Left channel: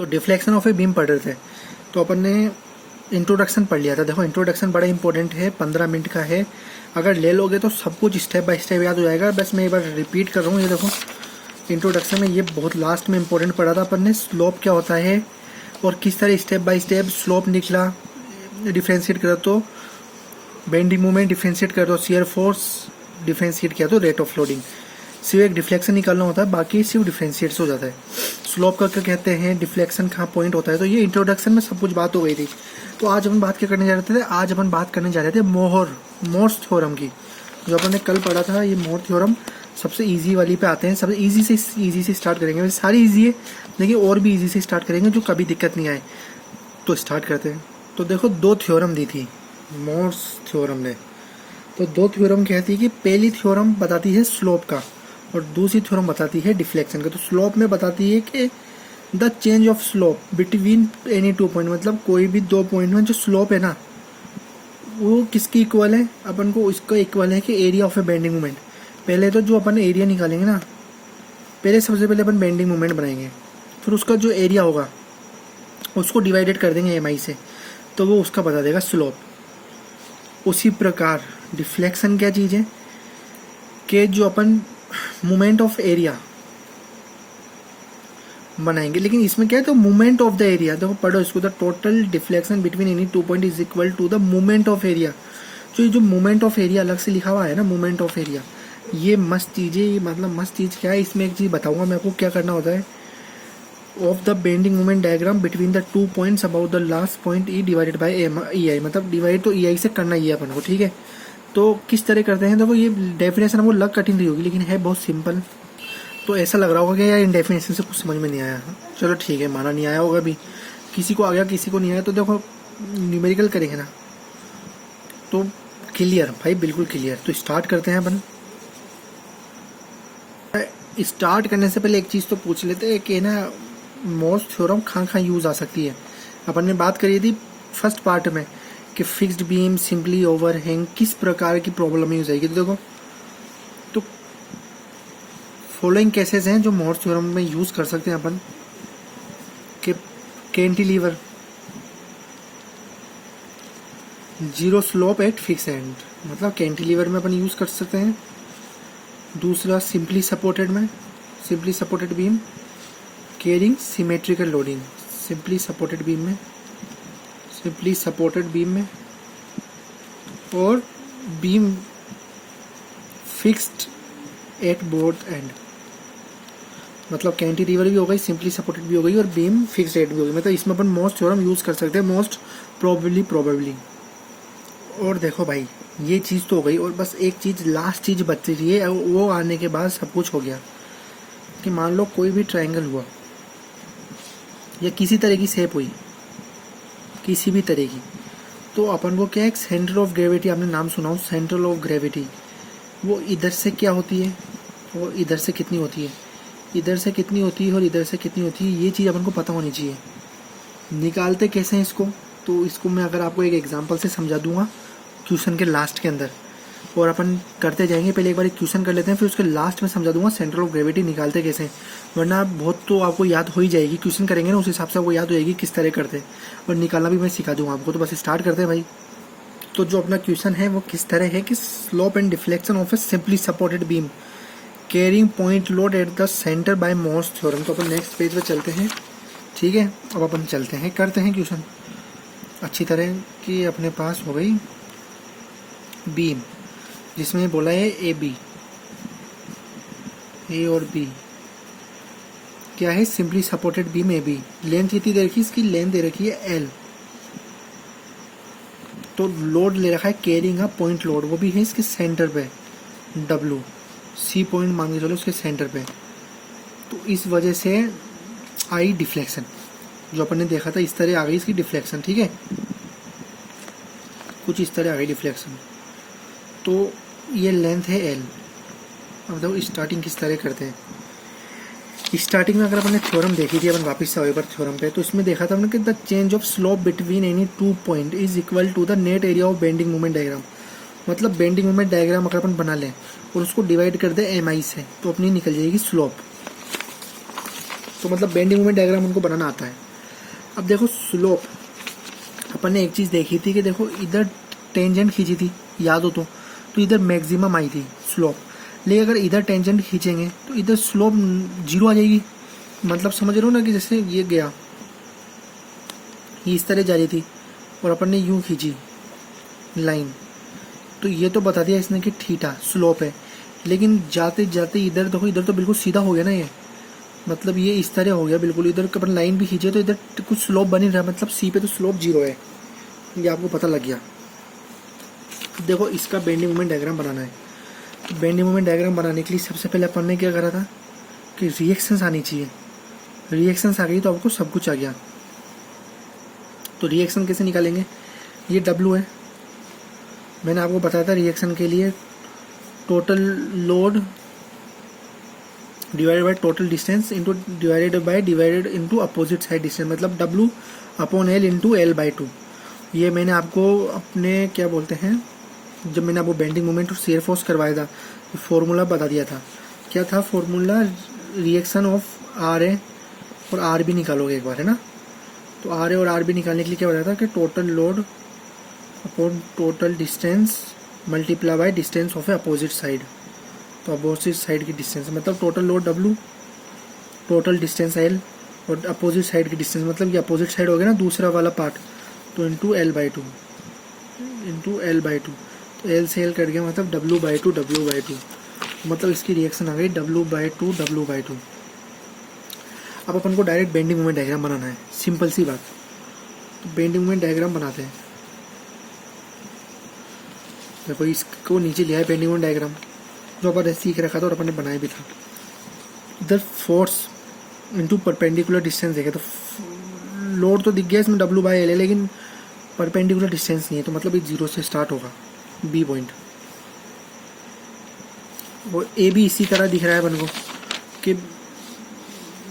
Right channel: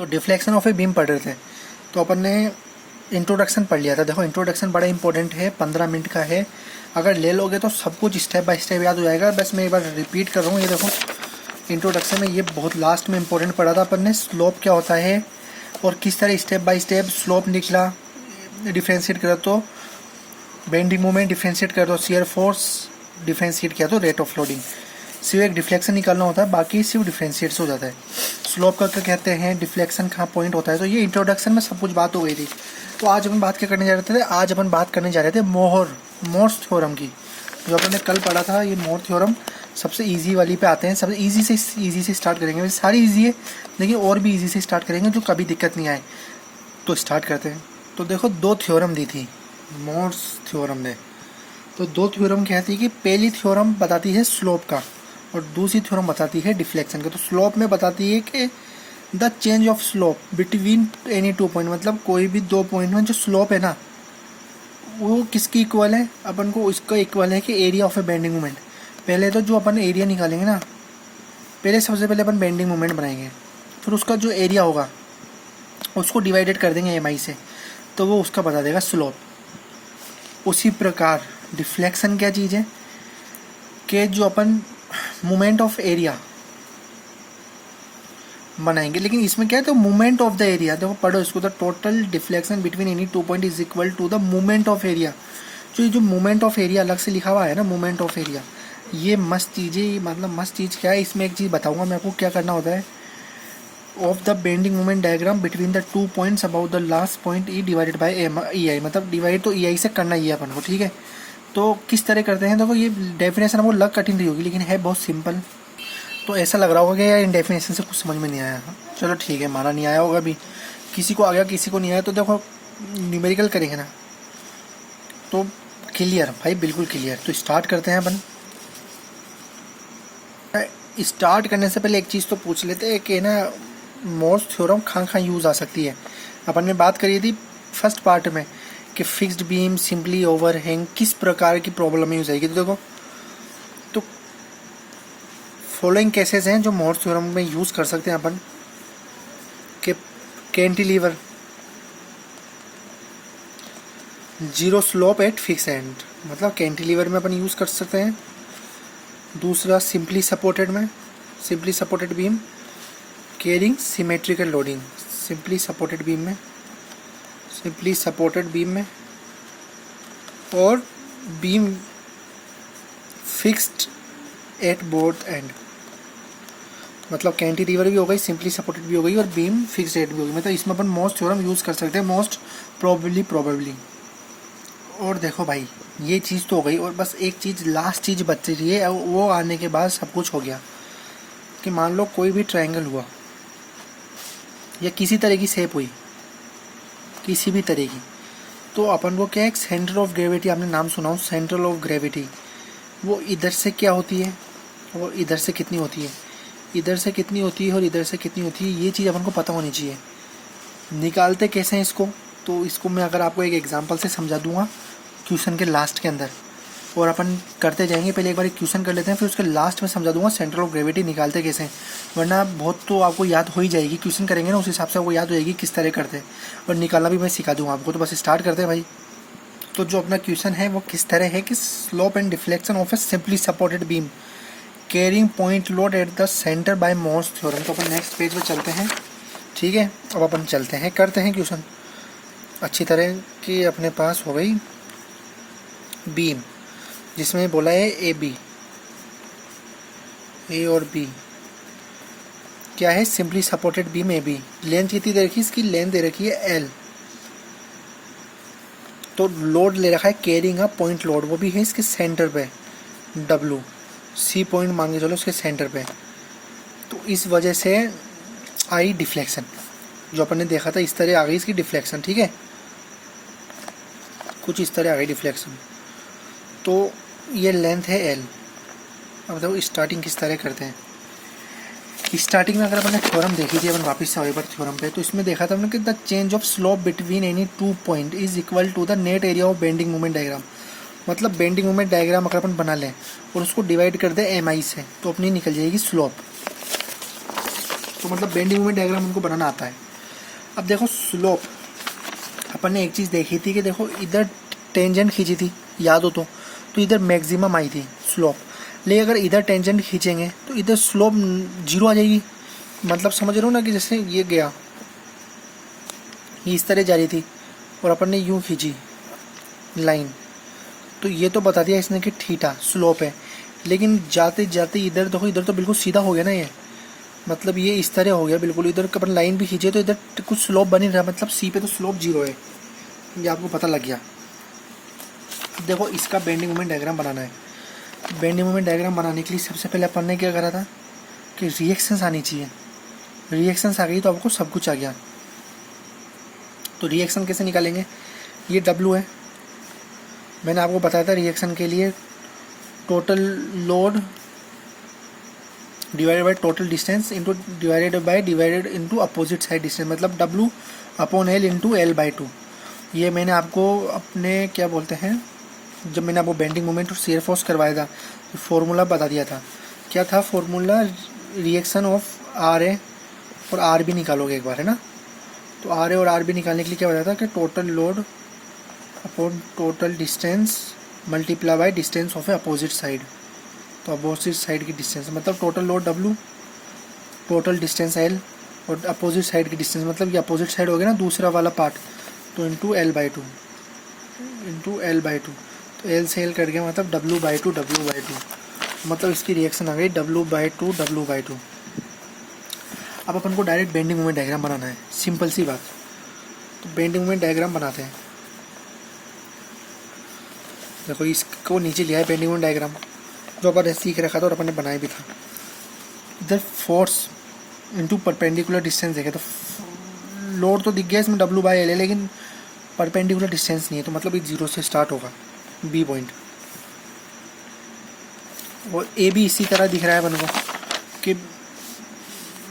तो deflection of a beam पढ़ रहे थे, तो अपन ने इंट्रोडक्शन पढ़ लिया था। देखो इंट्रोडक्शन बड़ा इंपॉर्टेंट है, 15 मिनट का है। अगर ले लोगे तो सब कुछ स्टेप बाय स्टेप याद हो जाएगा। बस मैं एक बार रिपीट कर रहा हूँ। ये देखो इंट्रोडक्शन में ये बहुत लास्ट में इंपॉर्टेंट पढ़ा था अपन ने, स्लोप क्या होता है और किस तरह स्टेप बाय स्टेप स्लोप निकला, डिफ्रेंशिएट करा तो बेंडिंग मोमेंट, डिफ्रेंशिएट कर दो शियर फोर्स, डिफ्रेंशिएट किया तो रेट ऑफ लोडिंग। सिर्फ एक डिफ्लेक्शन निकालना होता है, बाकी सिर्फ डिफ्रेंशिएट से हो जाता है। स्लोप का क्या कहते हैं, डिफ्लेक्शन कहाँ पॉइंट होता है। तो ये इंट्रोडक्शन में सब कुछ बात हो गई थी। तो आज अपन बात क्या करने जा रहे थे, आज अपन बात करने जा रहे थे मोर्स थ्योरम की। जो अपन ने कल पढ़ा था, ये मोर थ्योरम सबसे इजी वाली पे आते हैं। सबसे इजी से स्टार्ट करेंगे। वैसे सारी इजी है, लेकिन और भी इजी से स्टार्ट करेंगे जो कभी दिक्कत नहीं आए। तो स्टार्ट करते हैं। तो देखो 2 थ्योरम दी थी मोर्स थ्योरम ने। तो 2 थ्योरम कहती है कि पहली थ्योरम बताती है स्लोप का और दूसरी थ्योरम बताती है डिफ्लेक्शन का। तो स्लोप में बताती है कि the change of slope between any 2 point, मतलब कोई भी 2 पॉइंट में जो स्लोप है ना, वो किसकी इक्वल है, अपन को उसका इक्वल है कि area of a bending moment. पहले तो जो अपन एरिया निकालेंगे ना, पहले सबसे पहले अपन बेंडिंग मोमेंट बनाएंगे, फिर उसका जो एरिया होगा उसको डिवाइडेड कर देंगे एम आई से, तो वो उसका बता देगा स्लोप। उसी प्रकार डिफ्लेक्शन क्या चीज़ है कि जो अपन मोमेंट ऑफ एरिया बनाएंगे, लेकिन इसमें क्या है, तो मोमेंट ऑफ द एरिया। देखो पढ़ो इसको, the total deflection between any 2 point is equal to the moment of area. तो ये जो मोमेंट ऑफ एरिया अलग से लिखा हुआ है ना, मोमेंट ऑफ एरिया, ये मस्त चीज़ है। मतलब मस्त चीज़ क्या है, इसमें एक चीज़ बताऊंगा मैं आपको क्या करना होता है। Of the bending moment diagram between the 2 points about the last point E divided by E I, मतलब डिवाइड तो ई आई से करना ही है अपन को, ठीक है। तो किस तरह करते हैं, देखो ये डेफिनेशन हमको लग कठिन रही होगी, लेकिन है बहुत सिंपल। तो ऐसा लग रहा होगा कि यार इन डेफिनेशन से कुछ समझ में नहीं आया। चलो ठीक है, माना नहीं आया होगा भी, किसी को आ गया किसी को नहीं आया। तो देखो न्यूमेरिकल करेंगे ना तो क्लियर भाई, बिल्कुल क्लियर। तो स्टार्ट करते हैं अपन। स्टार्ट करने से पहले एक चीज़ तो पूछ लेते हैं कि ना मोर्स थ्योरम कहाँ यूज़ आ सकती है। अपन ने बात करी थी फर्स्ट पार्ट में कि फिक्स्ड बीम, सिंपली ओवरहैंग, किस प्रकार की प्रॉब्लम में यूज़ आएगी। तो देखो, तो फॉलोइंग केसेस हैं जो मोर्स थ्योरम में यूज़ कर सकते हैं अपन कि cantilever, zero slope eight fix and, मतलब कैंटिलीवर में अपन यूज़ कर सकते हैं। दूसरा सिंपली सपोर्टेड में, simply supported beam carrying symmetrical loading, simply supported beam में, सिंपली सपोर्टेड बीम में, और beam fixed at both and, मतलब कैंटिलीवर भी हो गई, सिंपली सपोर्टेड भी हो गई और बीम फिक्स्ड एट भी हो गई। मतलब इसमें अपन मोस्ट थ्योरम यूज़ कर सकते हैं, मोस्ट प्रोबेबली। और देखो भाई ये चीज़ तो हो गई, और बस एक चीज़ लास्ट चीज़ बच रही है, वो आने के बाद सब कुछ हो गया। कि मान लो कोई भी ट्रायंगल हुआ या किसी तरह की शेप हुई, किसी भी तरह की, तो अपन को क्या है, सेंटर ऑफ ग्रेविटी, आपने नाम सुना हो सेंटर ऑफ ग्रेविटी, वो इधर से क्या होती है और इधर से कितनी होती है, इधर से कितनी होती है और इधर से कितनी होती है, ये चीज़ अपन को पता होनी चाहिए। निकालते कैसे हैं इसको, तो इसको मैं अगर आपको एक एग्जांपल से समझा दूंगा क्वेश्चन के लास्ट के अंदर, और अपन करते जाएंगे। पहले एक बार क्वेश्चन कर लेते हैं, फिर उसके लास्ट में समझा दूंगा सेंटर ऑफ ग्रेविटी निकालते कैसे हैं। वरना बहुत तो आपको याद हो ही जाएगी, क्वेश्चन करेंगे ना उस हिसाब से आपको याद हो जाएगी किस तरह करते हैं, और निकालना भी मैं सिखा दूंगा आपको। तो बस स्टार्ट करते हैं भाई। तो जो अपना क्वेश्चन है वो किस तरह है कि slope and deflection of a simply supported beam carrying point load at the centre by Mohr's theorem. तो अपन नेक्स्ट पेज पे चलते हैं, ठीक है। अब अपन चलते हैं, करते हैं क्वेश्चन अच्छी तरह कि अपने पास हो गई बीम, जिसमें बोला है ए बी, ए और बी क्या है, simply supported beam A B. Length कितनी दे रखी है, इसकी लेंथ दे रखी है एल। तो लोड ले रखा है कैरिंग अ पॉइंट लोड, वो भी है इसके सेंटर पे डब्लू, सी पॉइंट मान के चलो उसके सेंटर पे। तो इस वजह से आई डिफ्लेक्शन, जो अपन ने देखा था इस तरह आ गई इसकी डिफ्लेक्शन, ठीक है, कुछ इस तरह आ गई डिफ्लेक्शन। तो ये लेंथ है एल। अब देखो स्टार्टिंग किस तरह करते हैं। स्टार्टिंग में अगर अपन ने थ्योरम देखी थी, अपन वापस से वेबर थ्योरम पे, तो इसमें देखा था हमने कि the change of slope between any 2 point is equal to the net area of bending moment diagram. मतलब बेंडिंग मोमेंट डायग्राम अगर अपन बना लें और उसको डिवाइड कर दे एम आई से, तो अपनी निकल जाएगी स्लोप। तो मतलब बेंडिंग मोमेंट डायग्राम उनको बनाना आता है। अब देखो स्लोप, अपन ने एक चीज़ देखी थी कि देखो इधर टेंजेंट खींची थी, याद हो तो इधर मैक्सिमम आई थी स्लोप, लेकिन अगर इधर टेंजेंट खींचेंगे तो इधर स्लोप 0 आ जाएगी। मतलब समझ रहे हो ना कि जैसे ये गया, ये इस तरह जा रही थी और अपन ने यूं खींची लाइन, तो ये तो बता दिया इसने कि थीटा स्लोप है, लेकिन जाते जाते इधर देखो, इधर तो बिल्कुल सीधा हो गया ना ये, मतलब ये इस तरह हो गया बिल्कुल। इधर अपन लाइन भी खींचे तो इधर कुछ स्लोप बन ही रहा, मतलब सी पे तो स्लोप 0 है, ये आपको पता लग गया। देखो इसका बेंडिंग मोमेंट डायग्राम बनाना है। बेंडिंग मोमेंट डायग्राम बनाने के लिए सबसे पहले अपन ने क्या करा था कि रिएक्शंस आनी चाहिए। रिएक्शंस आ गई तो आपको सब कुछ आ गया। तो रिएक्शन कैसे निकालेंगे, ये W है, मैंने आपको बताया था रिएक्शन के लिए total load divided by total distance into divided into opposite side distance, मतलब W upon L into L/2। ये मैंने आपको अपने क्या बोलते हैं, जब मैंने आपको बेंडिंग मोमेंट और शेयर फोर्स करवाया था तो फॉर्मूला बता दिया था। क्या था फॉर्मूला, रिएक्शन ऑफ RA और RB निकालोगे एक बार, है ना। तो RA और RB निकालने के लिए क्या बताया था कि total load upon total distance multiply by distance of A opposite side. तो अपोजिट साइड की डिस्टेंस मतलब total load W, total distance L और अपोजिट साइड की डिस्टेंस, मतलब ये अपोजिट साइड हो गया ना दूसरा वाला पार्ट, तो इंटू L/2 तो L से L कट गया, मतलब W/2 मतलब इसकी रिएक्शन आ गई W/2। अब अपन को डायरेक्ट बेंडिंग मोमेंट डायग्राम बनाना है, सिंपल सी बात। तो बेंडिंग मोमेंट डायग्राम बनाते हैं। देखो इसको नीचे लिया है बेंडिंग मोमेंट डायग्राम, जो अपन ने सीख रखा था और अपन ने बनाया भी था। इधर फोर्स इंटू परपेंडिकुलर डिस्टेंस देखे तो लोड तो दिख गया इसमें W/L है, लेकिन परपेंडिकुलर डिस्टेंस नहीं है, तो मतलब ये 0 से स्टार्ट होगा B पॉइंट, और A भी इसी तरह दिख रहा है अपन को कि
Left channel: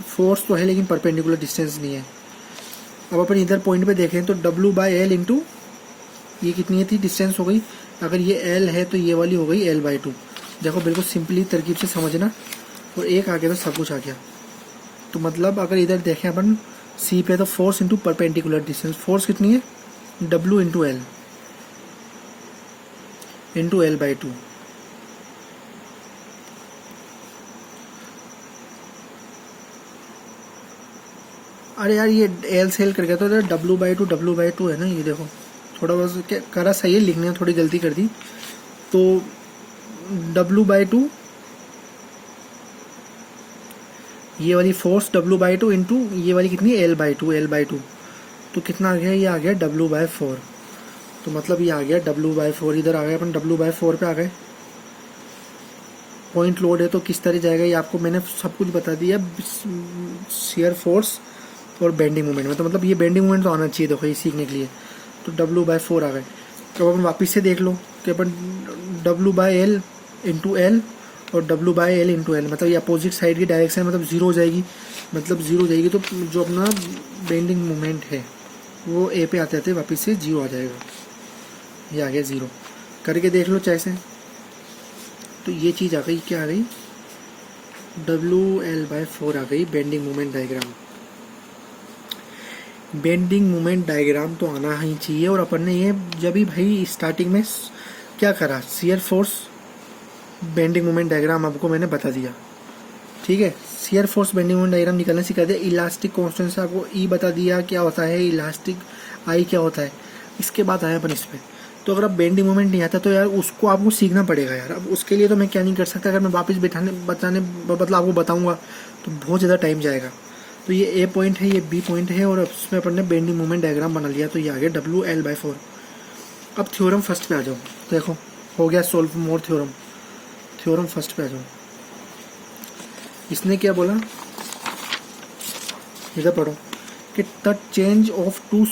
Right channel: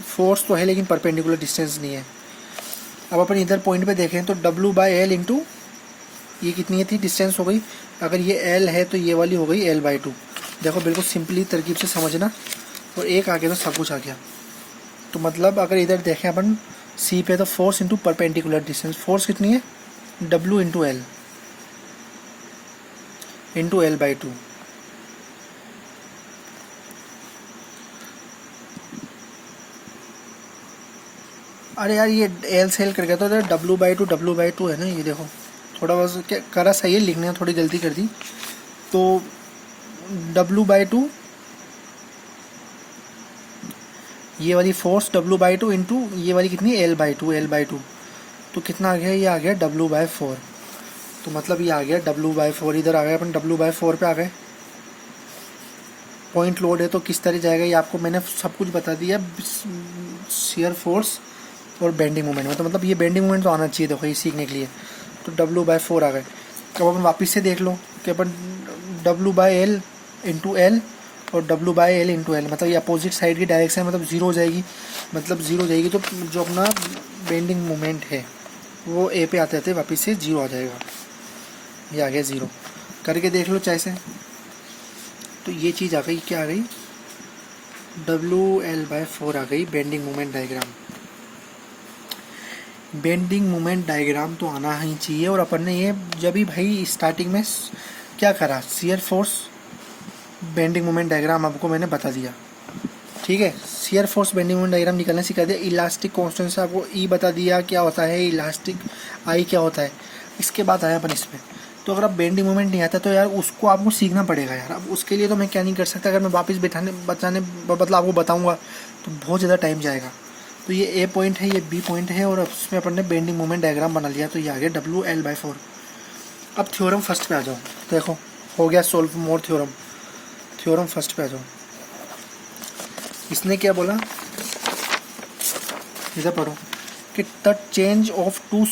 फोर्स तो है लेकिन परपेंडिकुलर डिस्टेंस नहीं है। अब अपन इधर पॉइंट पे देखें तो W/L इंटू ये कितनी थी डिस्टेंस हो गई, अगर ये L है तो ये वाली हो गई L/2। देखो बिल्कुल सिंपली तरकीब से समझना, और एक आ गया तो सब कुछ आ गया। तो मतलब अगर इधर देखें अपन C पे तो force into perpendicular distance, force कितनी है W into L into L/2। अरे यार ये L से L कर गया तो W/2 है ना, ये देखो थोड़ा बस क्या करा सही है, लिखने में थोड़ी गलती कर दी। तो W/2 ये वाली फोर्स W/2 इंटू ये वाली कितनी L/2 तो कितना आ गया, ये आ गया W/4। तो मतलब ये आ गया W/4, इधर आ गया अपन W/4 पे आ गए। पॉइंट लोड है तो किस तरह जाएगा ये आपको मैंने सब कुछ बता दिया, शियर फोर्स और बेंडिंग मोमेंट में। तो मतलब ये बेंडिंग मोमेंट तो आना चाहिए देखो ये सीखने के लिए। तो W/4 आ गए। तो अपन वापस से देख लो कि अपन W/L इंटू L और W/L इंटू L, मतलब ये अपोजिट साइड की डायरेक्शन मतलब 0 हो जाएगी, मतलब 0 हो जाएगी। तो जो अपना बेंडिंग मोमेंट है वो A पे आते आते वापस से 0 आ जाएगा। ये आ गया 0, करके देख लो चाहे से। तो ये चीज़ आ गई, क्या आ गई, WL/4 आ गई bending moment diagram. Bending moment diagram तो आना ही चाहिए। और अपन ने ये जब भी भाई स्टार्टिंग में क्या करा, shear force bending moment diagram आपको मैंने बता दिया, ठीक है। Shear force bending moment diagram निकालना सिखा दिया। इलास्टिक कांस्टेंट से आपको E बता दिया क्या होता है, इलास्टिक I क्या होता है। इसके बाद आया अपन इस पे। तो अगर आप बेंडिंग मोमेंट नहीं आता तो यार उसको आपको सीखना पड़ेगा यार। अब उसके लिए तो मैं क्या नहीं कर सकता, अगर मैं वापस बताने मतलब आपको बताऊंगा तो बहुत ज़्यादा टाइम जाएगा। तो ये A पॉइंट है, ये B पॉइंट है, और उसमें अपन ने बेंडिंग मोमेंट डायग्राम बना लिया। तो ये आ गया WL/4। अब थ्योरम फर्स्ट पे आ जाओ। देखो हो गया सोल्व मोर थ्योरम फर्स्ट पे आ जाओ। इसने क्या बोला, इधर पढ़ो कि the change of to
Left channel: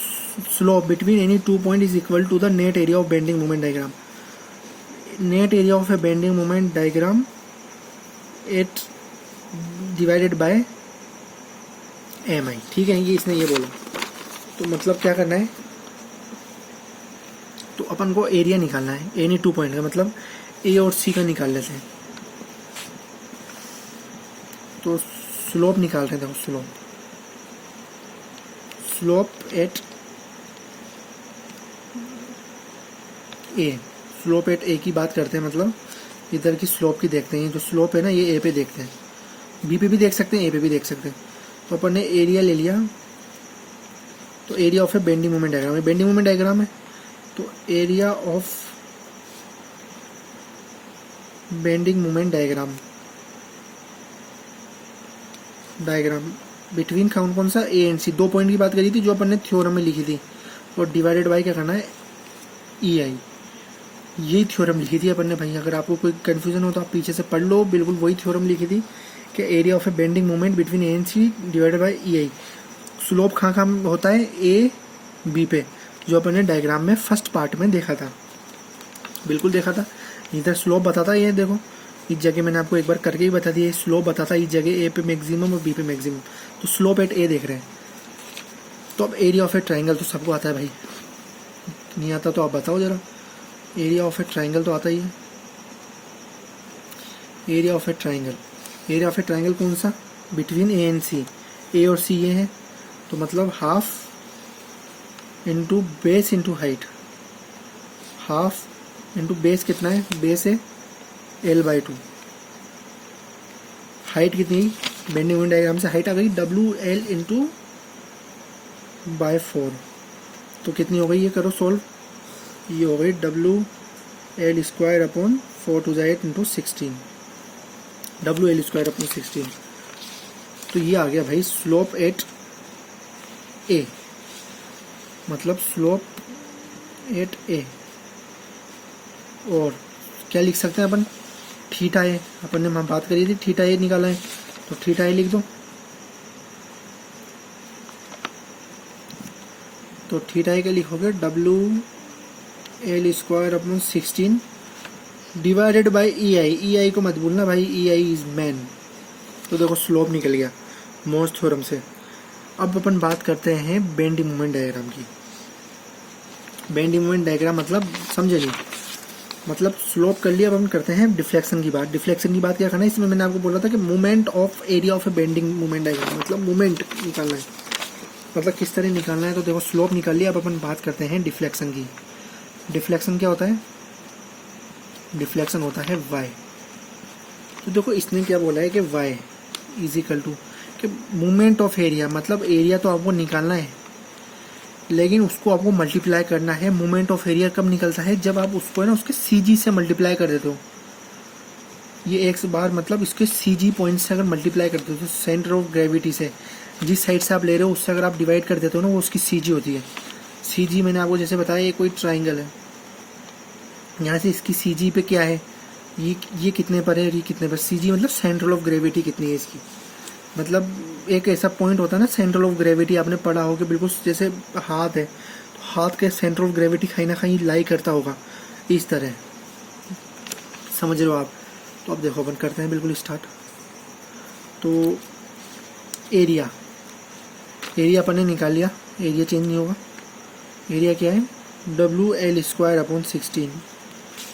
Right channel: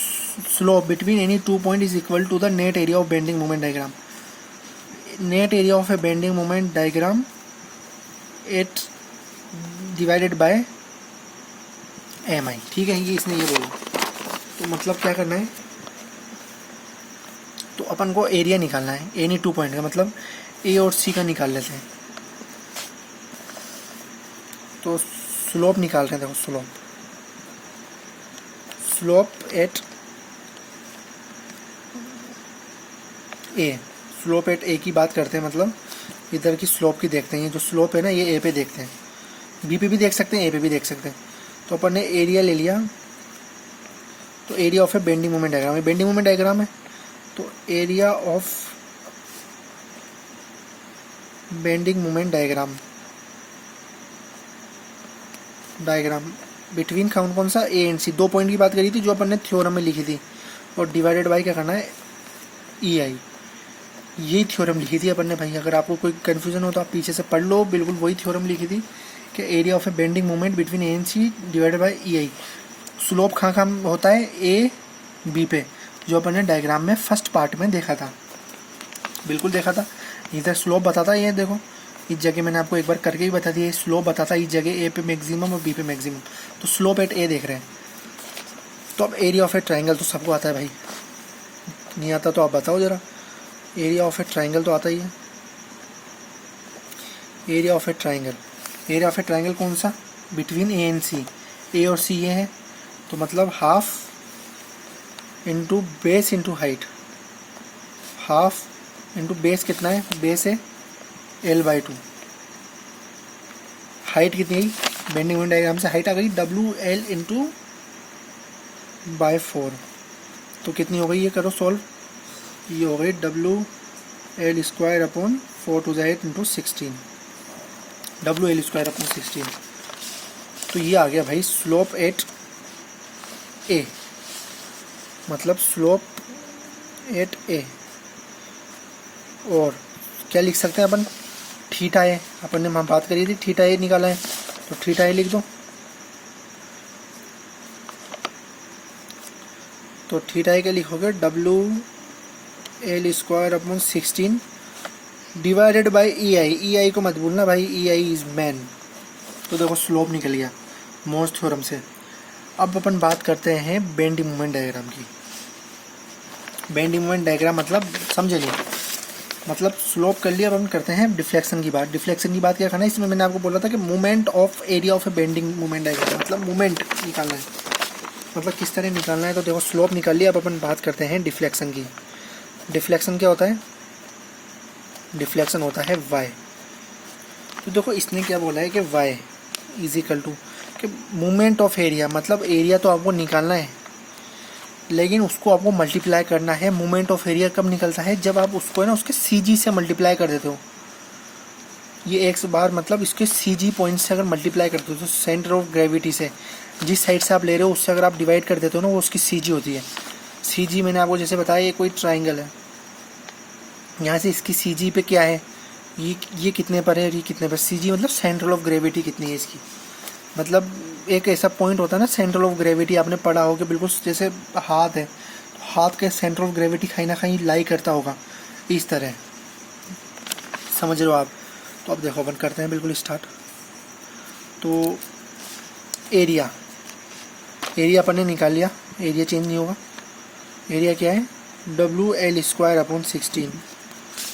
slope between any 2 point is equal to the net area of bending moment diagram. Net area of a bending moment diagram it divided by MI, ठीक है। ये इसने ये बोला, तो मतलब क्या करना है, तो अपन को एरिया निकालना है एनी 2 पॉइंट का, मतलब A और C का निकाल लेते हैं। तो स्लोप निकाल रहे हैं, देखो slope at A, slope at A की बात करते हैं, मतलब इधर की स्लोप की देखते हैं। ये जो स्लोप है ना ये ए पे देखते हैं, बी पे भी देख सकते हैं, ए पे भी देख सकते हैं। तो अपन ने एरिया ले लिया, तो area of a bending moment diagram है, बेंडिंग मोमेंट डायग्राम है, तो area of bending moment diagram between कौन सा ए एंड सी, 2 पॉइंट की बात करी थी जो अपन ने थ्योरम में लिखी थी, और डिवाइडेड बाय क्या करना है ई आई, यही थ्योरम लिखी थी अपन ने भाई। अगर आपको कोई कन्फ्यूजन हो तो आप पीछे से पढ़ लो, बिल्कुल वही थ्योरम लिखी थी कि area of a bending moment between A and C divided by E I. Slope कहाँ होता है, ए बी पे, जो अपन ने डायग्राम में फर्स्ट पार्ट में देखा था, बिल्कुल देखा था। इधर स्लोप बताता है, ये देखो इस जगह मैंने आपको एक बार करके ही बता दिया, स्लोप बताता है इस जगह ए पे मैक्सिमम और बी पे मैक्सिमम, तो स्लोप एट ए देख रहे हैं। तो अब एरिया ऑफ ए ट्राइंगल तो सबको आता है भाई, नहीं आता तो आप बताओ जरा। एरिया ऑफ ए ट्राइंगल तो आता ही है, area of A triangle, area of A triangle कौन सा, बिटवीन ए एंड सी, ए और सी ये है, तो मतलब half into base into height, half into base कितना है, बेस है L/2, हाइट कितनी है, बेंडिंग मोमेंट डायग्राम से हाइट आ गई WL इंटू बाय 4, तो कितनी हो गई, ये करो सॉल्व, ये हो गई WL square upon 4 to 8 into 16, WL square upon 16। तो ये आ गया भाई स्लोप एट ए, मतलब स्लोप एट ए। और क्या लिख सकते हैं अपन, थीटा ए, अपन ने बात करी थी थीटा ए निकाला है, तो थीटा ए लिख दो, तो थीटा ए क्या लिखोगे, WL square upon 16 divided by E I, E I को मत भूलना भाई, ई आई इज मैन। तो देखो स्लोप निकल गया मोर्स थ्योरम से। अब अपन बात करते हैं बेंडिंग मोमेंट डायग्राम की। बेंडिंग मोमेंट डायग्राम मतलब समझे नहीं, मतलब स्लोप कर लिया, अब हम करते हैं डिफ्लेक्शन की बात। डिफ्लेक्शन की बात क्या करना है, इसमें मैंने आपको बोला था कि movement of area of a bending moment diagram, मतलब मूवमेंट निकालना है, मतलब किस तरह निकालना है। तो देखो स्लोप निकाल लिया, अब अपन बात करते हैं डिफ्लेक्शन की। डिफ्लेक्शन क्या होता है, डिफ्लेक्शन होता है वाई। तो देखो इसने क्या बोला है कि वाई इज इक्वल टू कि मूवमेंट ऑफ एरिया, मतलब एरिया तो आपको निकालना है लेकिन उसको आपको मल्टीप्लाई करना है। मूवमेंट ऑफ एरिया कब निकलता है, जब आप उसको है ना उसके CG से मल्टीप्लाई कर देते हो। ये एक बार मतलब इसके CG पॉइंट से अगर मल्टीप्लाई करते हो तो सेंटर ऑफ ग्रेविटी से, जिस साइड से आप ले रहे हो उससे अगर आप डिवाइड कर देते हो ना, वो उसकी CG होती है। CG मैंने आपको जैसे बताया, ये कोई ट्राइंगल है, यहाँ से इसकी CG पे क्या है, ये कितने पर है, ये कितने पर, CG मतलब सेंटर ऑफ ग्रेविटी कितनी है इसकी। मतलब एक ऐसा पॉइंट होता है ना सेंटर ऑफ ग्रेविटी, आपने पढ़ा हो कि बिल्कुल जैसे हाथ है, तो हाथ के सेंटर ऑफ ग्रेविटी कहीं ना कहीं लाई करता होगा, इस तरह समझ रहे हो आप। तो अब देखो अपन करते हैं बिल्कुल स्टार्ट। तो एरिया अपन ने निकाल लिया, एरिया चेंज नहीं होगा। एरिया क्या है, WL स्क्वायर अपॉन 16,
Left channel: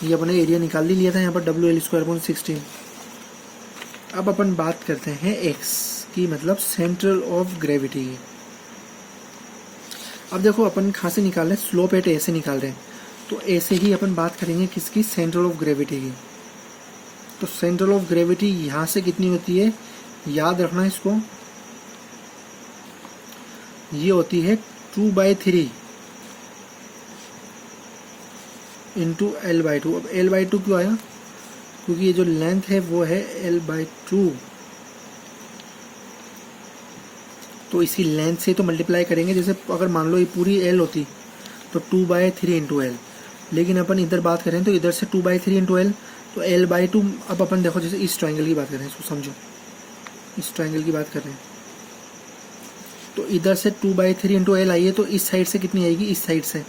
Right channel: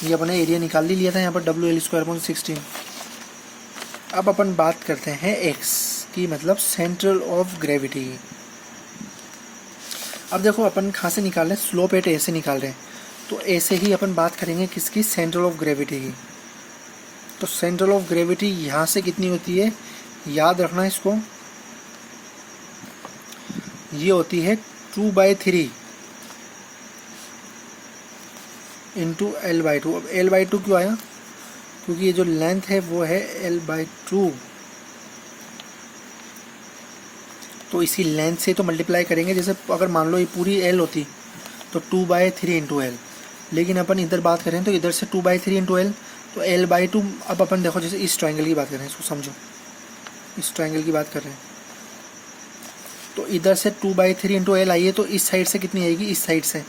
ये अपने एरिया निकाल लिया था यहाँ पर, WL स्क्वायर अपॉन 16। अब अपन बात करते हैं एक्स की, मतलब सेंटर ऑफ ग्रेविटी। अब देखो अपन कहाँ से निकाल रहे हैं, स्लोप एट ए से निकाल रहे हैं, तो ऐसे ही अपन बात करेंगे किसकी, सेंटर ऑफ ग्रेविटी की। तो सेंटर ऑफ ग्रेविटी यहाँ से कितनी होती है, याद रखना इसको, ये होती है 2/3 इंटू L/2। अब L/2 क्यों आया, क्योंकि ये जो लेंथ है वो है L/2, तो इसी लेंथ से तो मल्टीप्लाई करेंगे। जैसे अगर मान लो ये पूरी L होती तो 2/3 इंटू L, लेकिन अपन इधर बात करें तो इधर से 2/3 इंटू L, तो L/2। अब अपन देखो जैसे इस ट्राइंगल की बात करें, इसको समझो, इस ट्राइंगल की बात कर रहे हैं, तो इधर से 2/3 इंटू L आई है, तो इस साइड से कितनी आएगी, इस साइड से,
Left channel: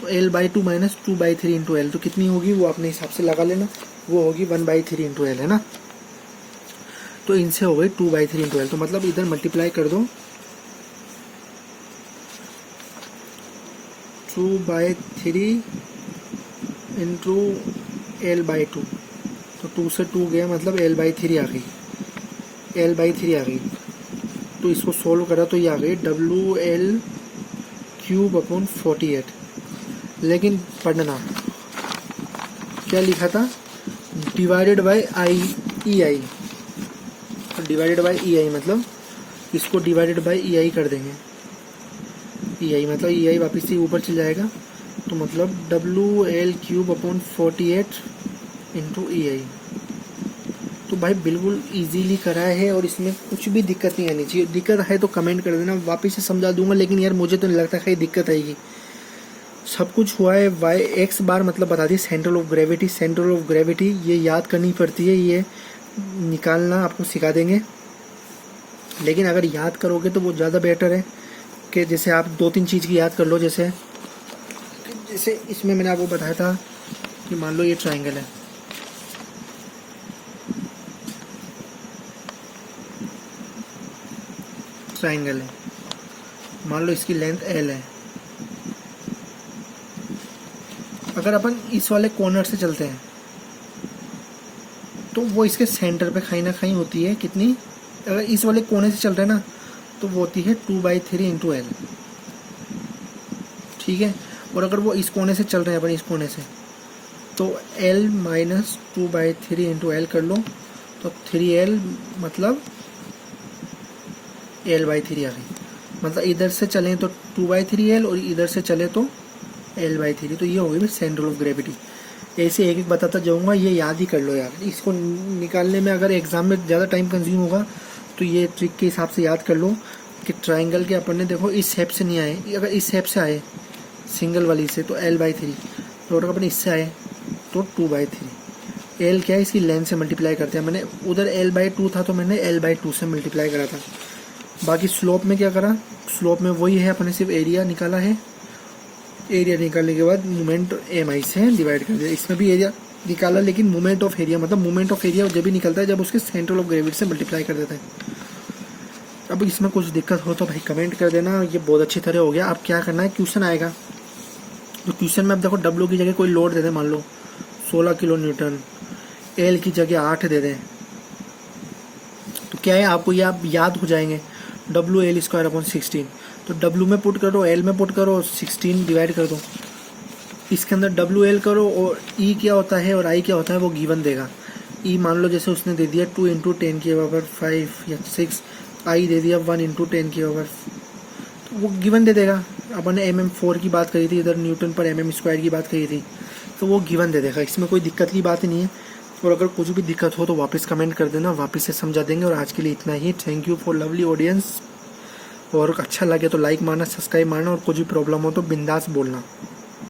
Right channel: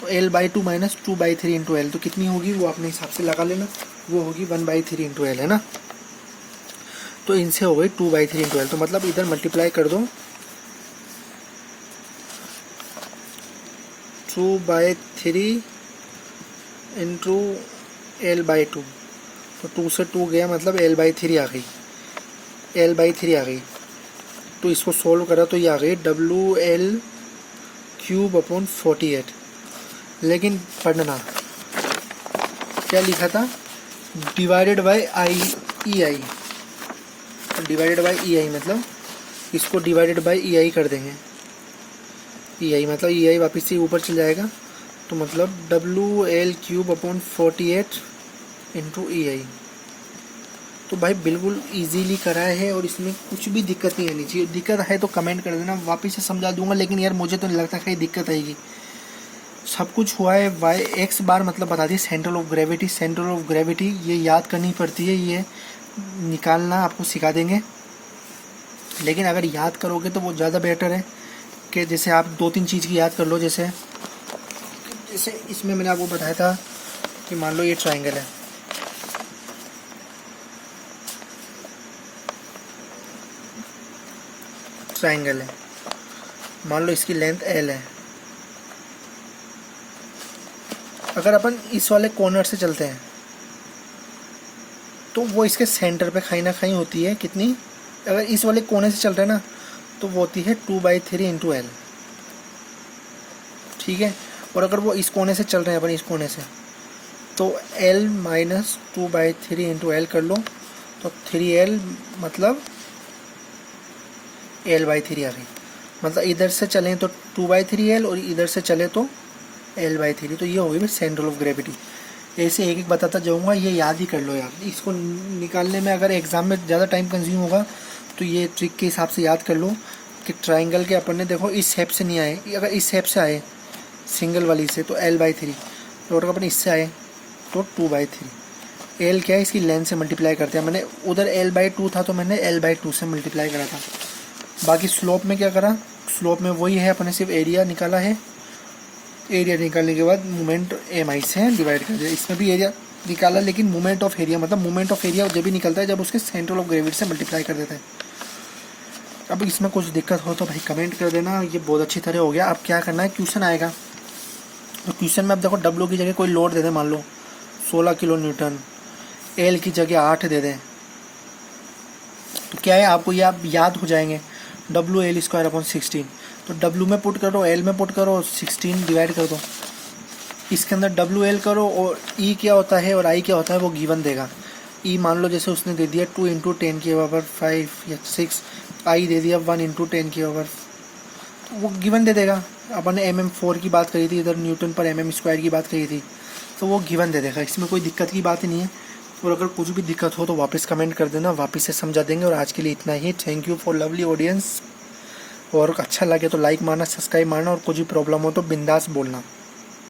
तो L/2 माइनस 2/3 इंटू L, तो कितनी होगी वो अपने हिसाब से लगा लेना, वो होगी 1/3 इंटू L, है ना। तो इनसे हो गई 2/3 इंटू L, तो मतलब इधर मल्टीप्लाई कर दो 2/3 इंटू L/2, तो 2 से 2 गया, मतलब L/3 आ गई, L/3 आ गई। तो इसको सोल्व करा तो ये आ गई WL क्यूब अपॉन 48, लेकिन पढ़ना क्या लिखा था, divided by E I. Divided by E I मतलब इसको डिवाइडेड बाई ई आई कर देंगे। ई आई मतलब ई आई वापस से ऊपर चल जाएगा, तो मतलब W L cube upon 48 into E I. तो भाई बिल्कुल इजीली करा है और इसमें कुछ भी दिक्कत नहीं आनी चाहिए। दिक्कत है तो कमेंट कर देना, वापस से समझा दूंगा, लेकिन यार मुझे तो नहीं लगता कहीं दिक्कत आएगी। सब कुछ हुआ है। वाई एक्स बार मतलब बता the central of gravity. Central of gravity ये याद करनी पड़ती है, ये निकालना आपको सिखा देंगे, लेकिन अगर याद करोगे तो वो ज़्यादा बेटर है कि जैसे आप 2-3 चीज़ की याद कर लो। जैसे इसमें मैंने आपको बताया था कि मान लो ये ट्राइंगल है, ट्राइंगल है, मान लो इसकी लेंथ एल है। अगर अपन इस वाले कॉर्नर से चलते हैं तो वो इसके सेंटर पे कहीं ना कहीं होती है कितनी, अगर इस वाले कोने से चल रहे हैं ना तो वो होती है 2/3 इंटू एल, ठीक है। और अगर वो इस कोने से चल रहे हैं अपन इस कोने से, तो L माइनस 2/3 इंटू एल कर लो, तो 3L मतलब L/3 आ गई। मतलब इधर से चलें तो 2/3L और इधर से चले तो L/3, तो ये हो गई सेंट्रल ऑफ ग्रेविटी। ऐसे एक एक बताता जाऊंगा, ये याद ही कर लो यार। इसको निकालने में अगर एग्जाम में ज़्यादा टाइम कंज्यूम होगा तो ये ट्रिक के हिसाब से याद कर लो कि ट्राइंगल के अपन ने देखो इस शेप से नहीं आए, अगर इस शेप से आए सिंगल वाली से तो L/3, और अगर अपन इससे आए तो 2/3। L क्या है, इसकी लेंथ से मल्टीप्लाई करते हैं। मैंने उधर L/2 था तो मैंने L/2 से मल्टीप्लाई करा था। बाकी स्लोप में क्या करा, स्लोप में वही है, अपने सिर्फ एरिया निकाला है। एरिया निकालने के बाद मोमेंट MI से डिवाइड कर दिया। इसमें भी एरिया निकाला, लेकिन मोमेंट ऑफ एरिया मतलब मोमेंट ऑफ एरिया जब भी निकलता है जब उसके सेंट्रल ऑफ ग्रेविटी से मल्टीप्लाई कर देता है। अब इसमें कुछ दिक्कत हो तो भाई कमेंट कर देना। ये बहुत अच्छी तरह हो गया। अब क्या करना है, क्वेश्चन आएगा तो क्वेश्चन में अब देखो W की जगह कोई लोड दे दे, मान लो 16 किलो न्यूटन, L की जगह 8 दे दें, तो क्या है आपको ये आप याद हो जाएंगे, WL²/16। तो W में पुट करो, L में पुट करो, 16 डिवाइड कर दो, इसके अंदर WL करो और E क्या होता है और I क्या होता है वो गिवन देगा। E मान लो जैसे उसने दे दिया 2 × 10⁵ या 6, I दे दिया 1 × 10⁵, वो गिवन दे देगा। अपन ने mm4 की बात करी थी, इधर न्यूटन पर mm² की बात करी थी, तो वो गिवन दे देगा। इसमें कोई दिक्कत की बात नहीं है। और अगर कुछ भी दिक्कत हो तो वापस कमेंट कर देना, वापस से समझा देंगे। और आज के लिए इतना ही। Thank you for lovely audience. और अच्छा लगे तो लाइक मारना, सब्सक्राइब मारना, और कुछ भी प्रॉब्लम हो तो बिंदास बोलना।